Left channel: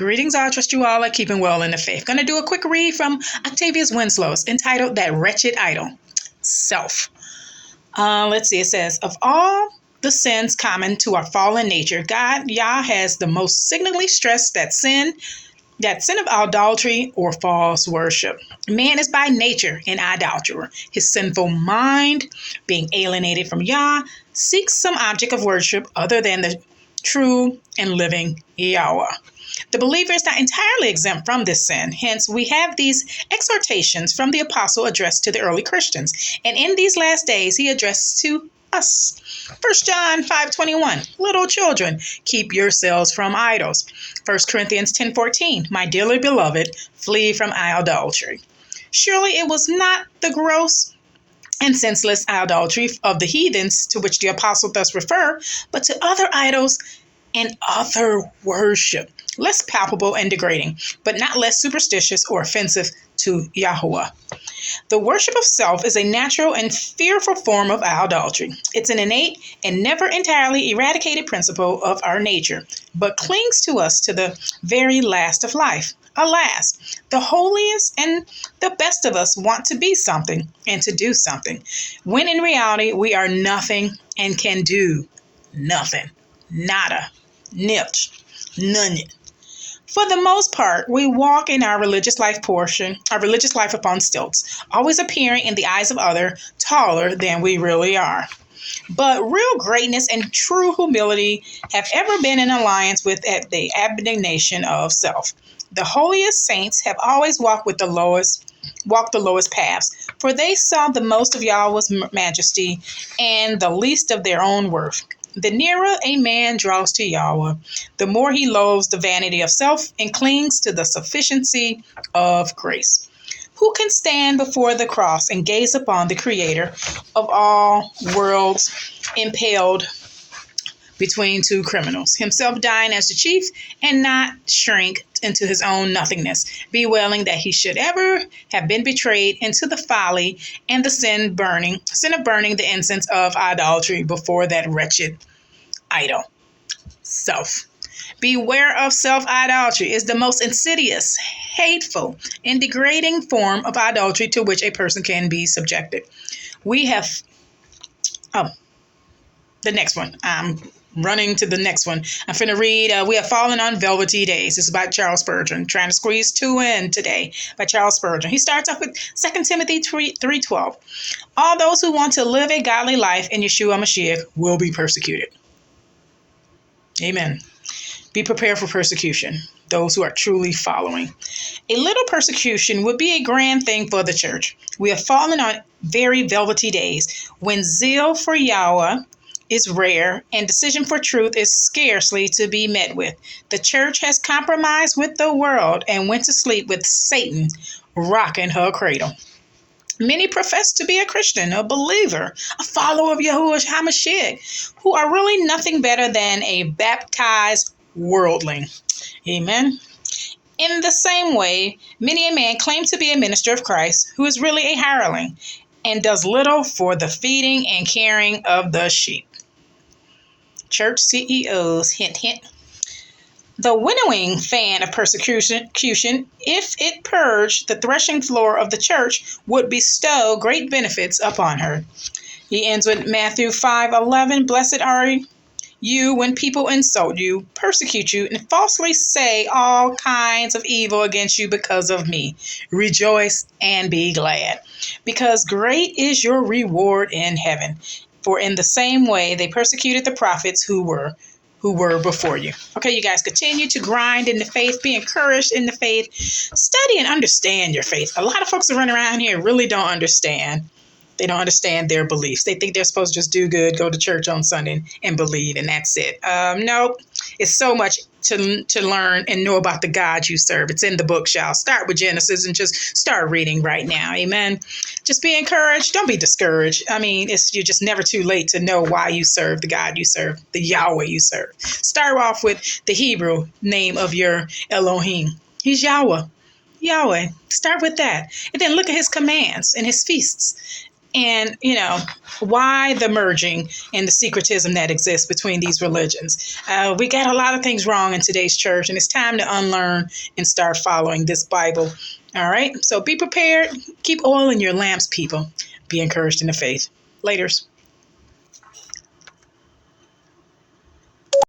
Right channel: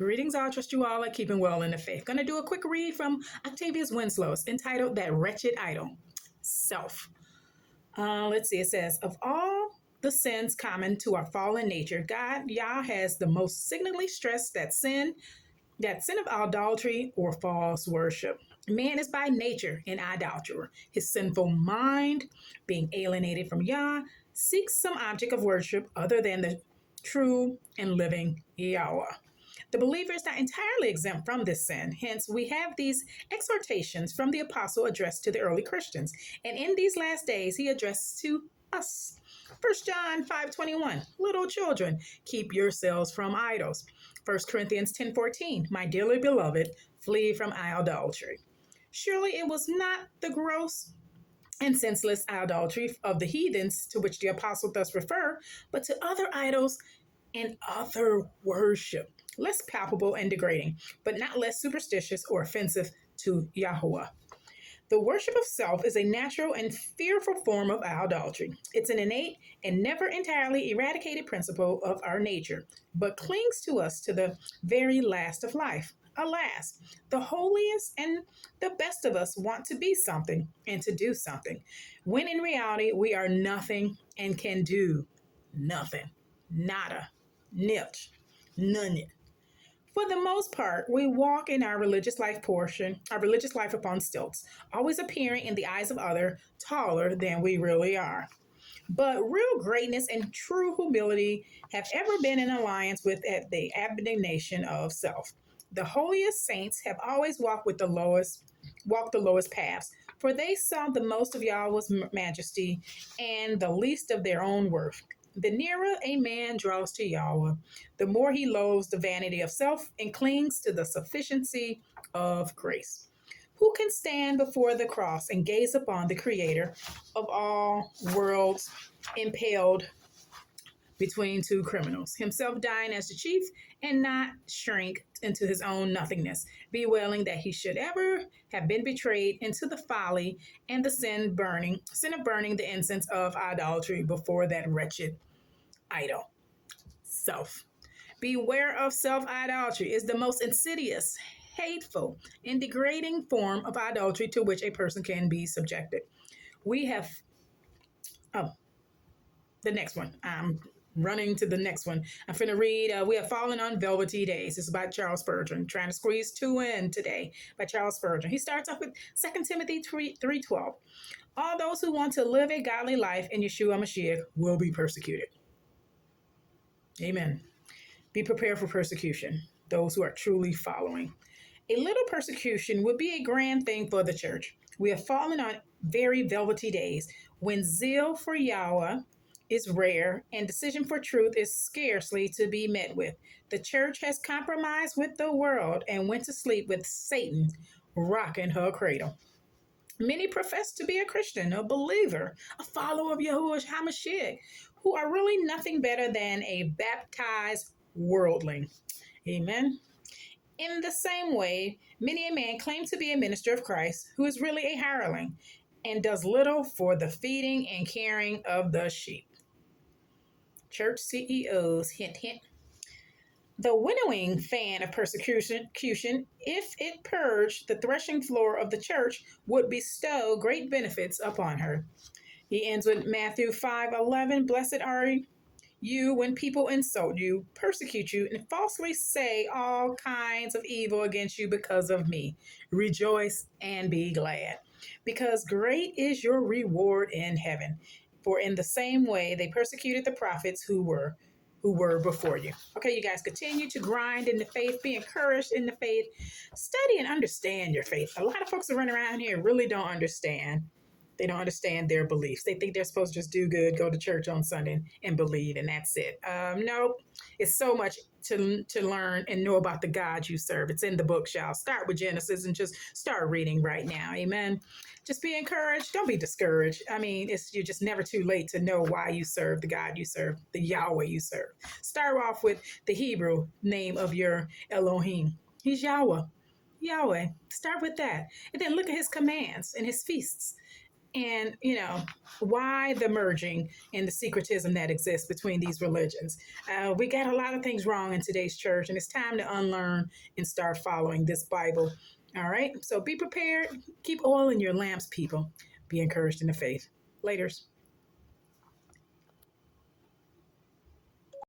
Greetings, I trust you all are keeping well in the faith. Going to do a quick read from Octavius Winslow's entitled That Wretched Idol, Self. Let's see, it says, of all the sins common to our fallen nature, God, Yah, has the most signally stressed that sin of idolatry or false worship. Man is by nature an idolater. His sinful mind, being alienated from Yah, seeks some object of worship other than the true and living Yahweh. The believer is not entirely exempt from this sin. Hence, we have these exhortations from the apostle addressed to the early Christians. And in these last days, he addressed to us. 1 John 5:21, little children, keep yourselves from idols. 1 Corinthians 10:14, my dearly beloved, flee from idolatry. Surely it was not the gross and senseless idolatry of the heathens to which the apostle thus referred, but to other idols and other worship, less palpable and degrading, but not less superstitious or offensive to Yahweh. The worship of self is a natural and fearful form of idolatry. It's an innate and never entirely eradicated principle of our nature, but clings to us to the very last of life. Alas, the holiest and the best of us want to be something and to do something, when in reality we are nothing and can do nothing. Nada. Nilch. None. For the most part, we walk in our religious life upon stilts, always appearing in the eyes of others taller than we really are. But real greatness and true humility have ever been in alliance with the abnegation of self. The holiest saints have always walked the lowest paths, for they saw the most of Yahweh's majesty and the least of their own worth. The nearer a man draws to Yahweh, the more he loathes the vanity of self and clings to the sufficiency of grace. Who can stand before the cross and gaze upon the Creator of all worlds impaled between two criminals, himself dying as the chief, and not shrink into his own nothingness, bewailing that he should ever have been betrayed into the folly and the sin of burning the incense of idolatry before that wretched idol, self. Beware of self-idolatry is the most insidious, hateful, and degrading form of idolatry to which a person can be subjected. We have, the next one. I'm running to the next one. I'm finna read, We Have Fallen on Velvety Days. This is by Charles Spurgeon. Trying to squeeze 2 in today by Charles Spurgeon. He starts off with 2 Timothy 3:12. All those who want to live a godly life in Yeshua Mashiach will be persecuted. Amen. Be prepared for persecution, those who are truly following. A little persecution would be a grand thing for the church. We have fallen on very velvety days when zeal for Yahweh is rare and decision for truth is scarcely to be met with. The church has compromised with the world and went to sleep with Satan rocking her cradle. Many profess to be a Christian, a believer, a follower of Yahuwah HaMashiach, who are really nothing better than a baptized worldling. Amen. In the same way, many a man claims to be a minister of Christ who is really a hireling and does little for the feeding and caring of the sheep. Church CEOs, hint, hint. The winnowing fan of persecution, if it purged the threshing floor of the church, would bestow great benefits upon her. He ends with Matthew 5:11. Blessed are you when people insult you, persecute you, and falsely say all kinds of evil against you because of me. Rejoice and be glad, because great is your reward in heaven. For in the same way they persecuted the prophets who were before you. Okay, you guys, continue to grind in the faith, be encouraged in the faith, study and understand your faith. A lot of folks that run around here really don't understand. They don't understand their beliefs. They think they're supposed to just do good, go to church on Sunday and believe, and that's it. No, it's so much to learn and know about the God you serve. It's in the book, y'all. Start with Genesis and just start reading right now. Amen. Just be encouraged. Don't be discouraged. I mean, you're just never too late to know why you serve the God you serve, the Yahweh you serve. Start off with the Hebrew name of your Elohim. He's Yahweh. Yahweh. Start with that. And then look at his commands and his feasts. And, why the merging and the secretism that exists between these religions. We got a lot of things wrong in today's church, and it's time to unlearn and start following this Bible. All right? So be prepared. Keep oil in your lamps, people. Be encouraged in the faith. Laters.